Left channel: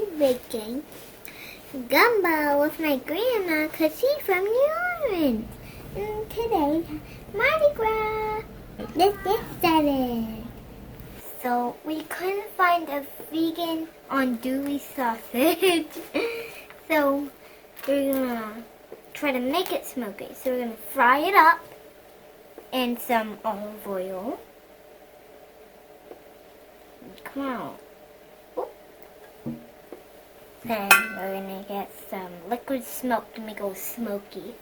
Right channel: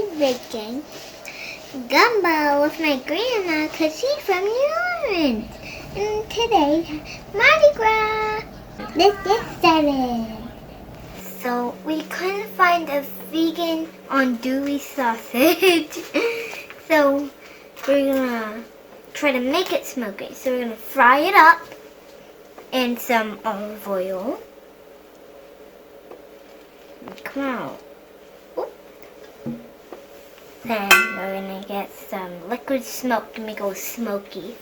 be making gumbo with my grandma because she's from New Orleans. And today's Mardi Gras. Let's get started. So we couldn't find a vegan andouille sausage. So we're gonna try to make it smoky. So we're gonna fry it up in some olive oil. Come on. Oop. Then we're gonna get some liquid smoke to make it smoky.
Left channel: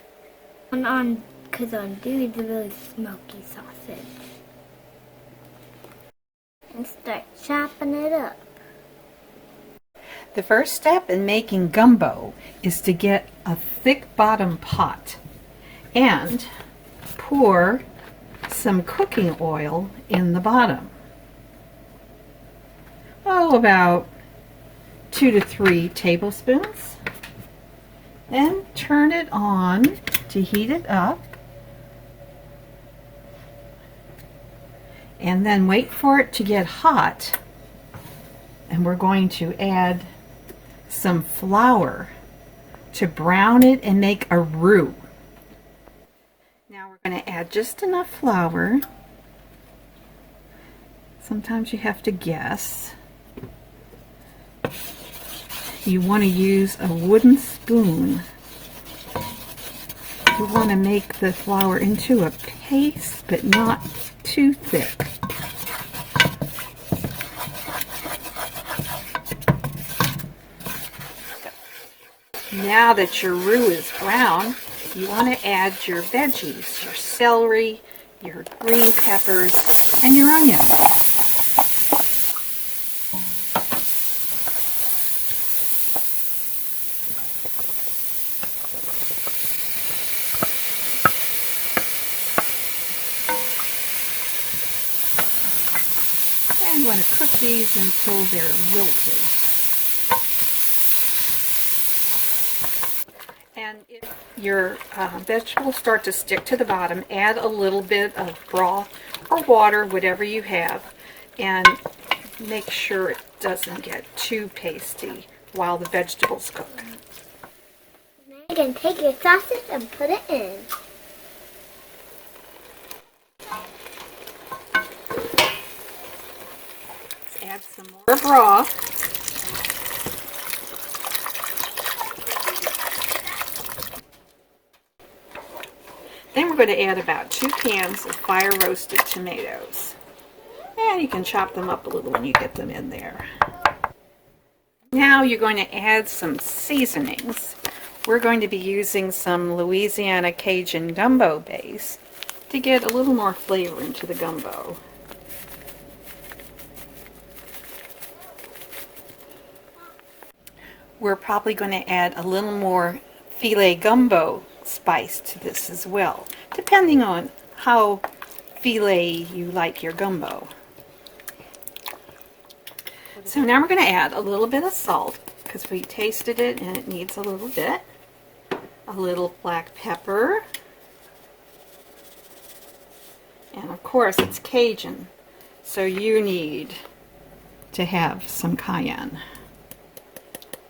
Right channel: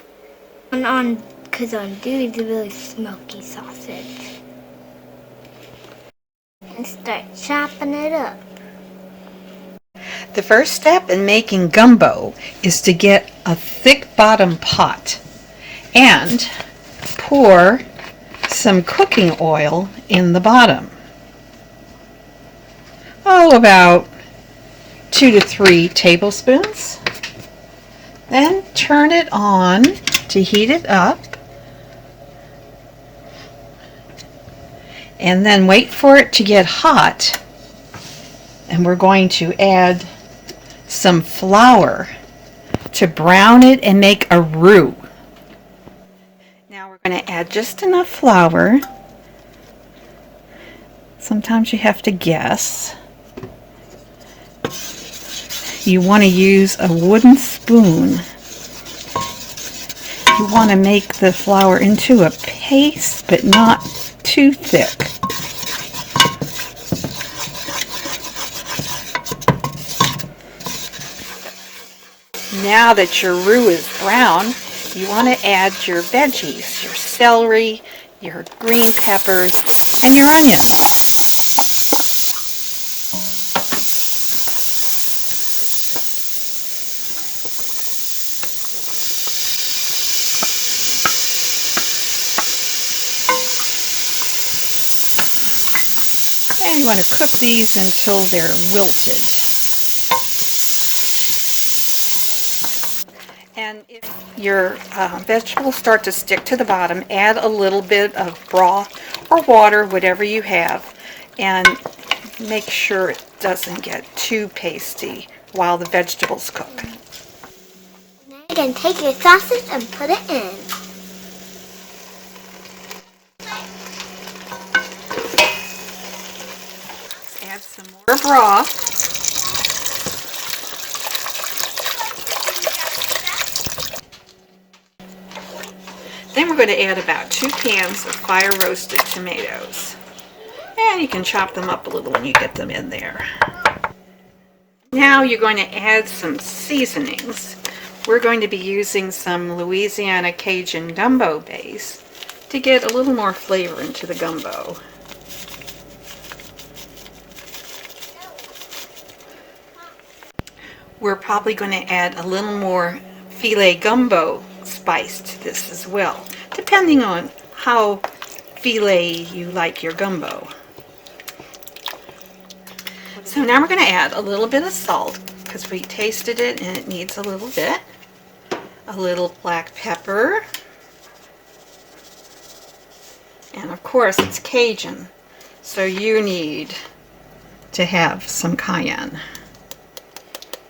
Because andouille is a really smoky sausage. And start chopping it up. The first step in making gumbo is to get a thick bottom pot and pour some cooking oil in the bottom. Oh, about 2 to 3 tablespoons. Then turn it on to heat it up. And then wait for it to get hot. And we're going to add some flour to brown it and make a roux. Now we're going to add just enough flour. Sometimes you have to guess. You want to use a wooden spoon. You want to make the flour into a paste, but not too thick. Now that your roux is brown, you want to add your veggies, your celery, your green peppers, and your onions. And you want to cook these until they're wilted. And if your vegetables start to stick to the bottom, add a little bit of broth or water, whatever you have, and make sure it doesn't get too pasty while the vegetables cook. Now you can take your sausage and put it in. Add some more broth. Then we're going to add about 2 cans of fire roasted tomatoes. And you can chop them up a little when you get them in there. Now you're going to add some seasonings. We're going to be using some Louisiana Cajun gumbo base to get a little more flavor into the gumbo. We're probably going to add a little more filet gumbo spice to this as well, depending on how filet you like your gumbo. So now we're going to add a little bit of salt because we tasted it and it needs a little bit. A little black pepper. And of course it's Cajun, so you need to have some cayenne.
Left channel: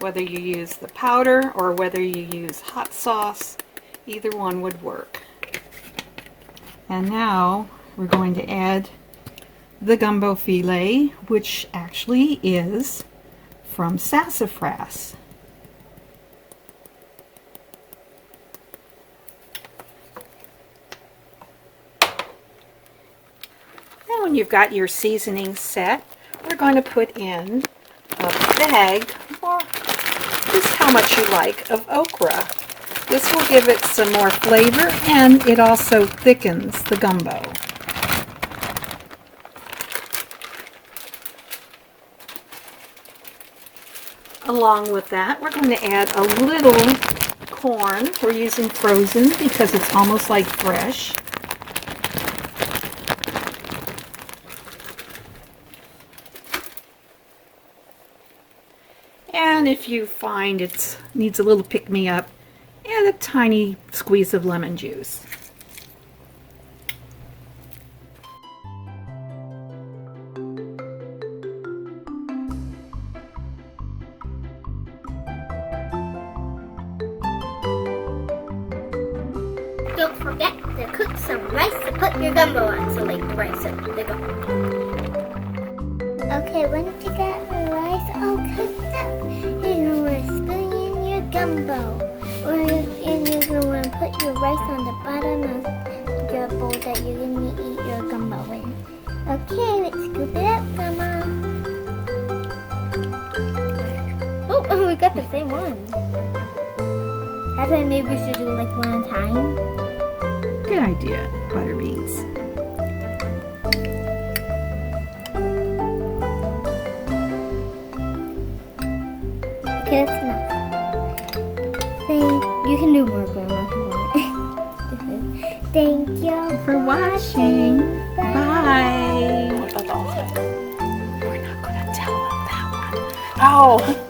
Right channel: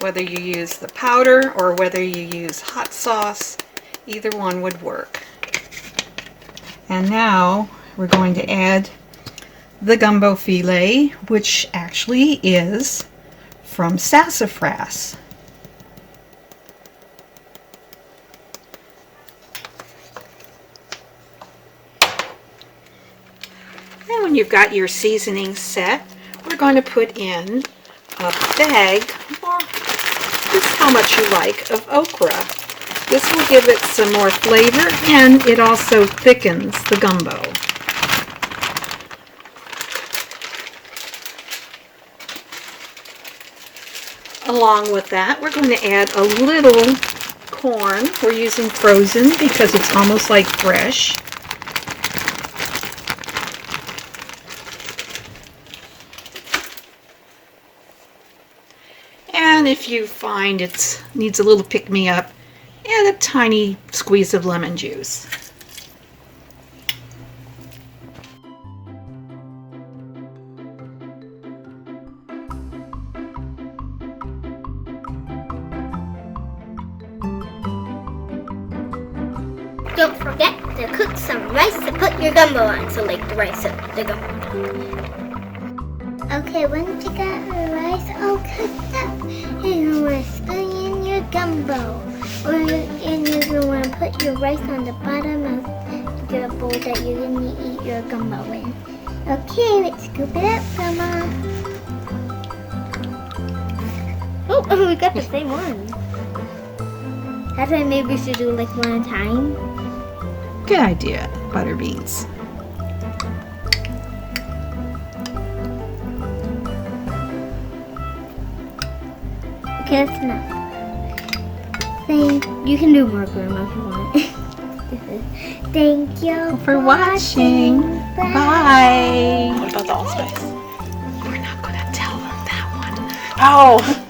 Whether you use the powder or whether you use hot sauce, either one would work. And now we're going to add the gumbo filet, which actually is from sassafras. And when you've got your seasoning set, we're going to put in a bag, or just how much you like, of okra. This will give it some more flavor and it also thickens the gumbo. Along with that, we're going to add a little corn. We're using frozen because it's almost like fresh. And if you find it needs a little pick-me-up, add a tiny squeeze of lemon juice. don't forget to cook some rice to put your gumbo on. So like the rice and the gumbo. Okay, once you got the rice all cooked up, you're going to spoon in your gumbo. And you're going to put your rice on the bottom of your bowl that you're going to eat your gumbo in. Okay, let's scoop it up, Grandma. Oh, we got the same one. That's why maybe we should do like one at a time. Good idea, ButterBeanz. Okay, that's enough. You can do more, Grandma, if you want. Thank you For watching. Bye. What about the allspice? We're not gonna tell them that one. Oh!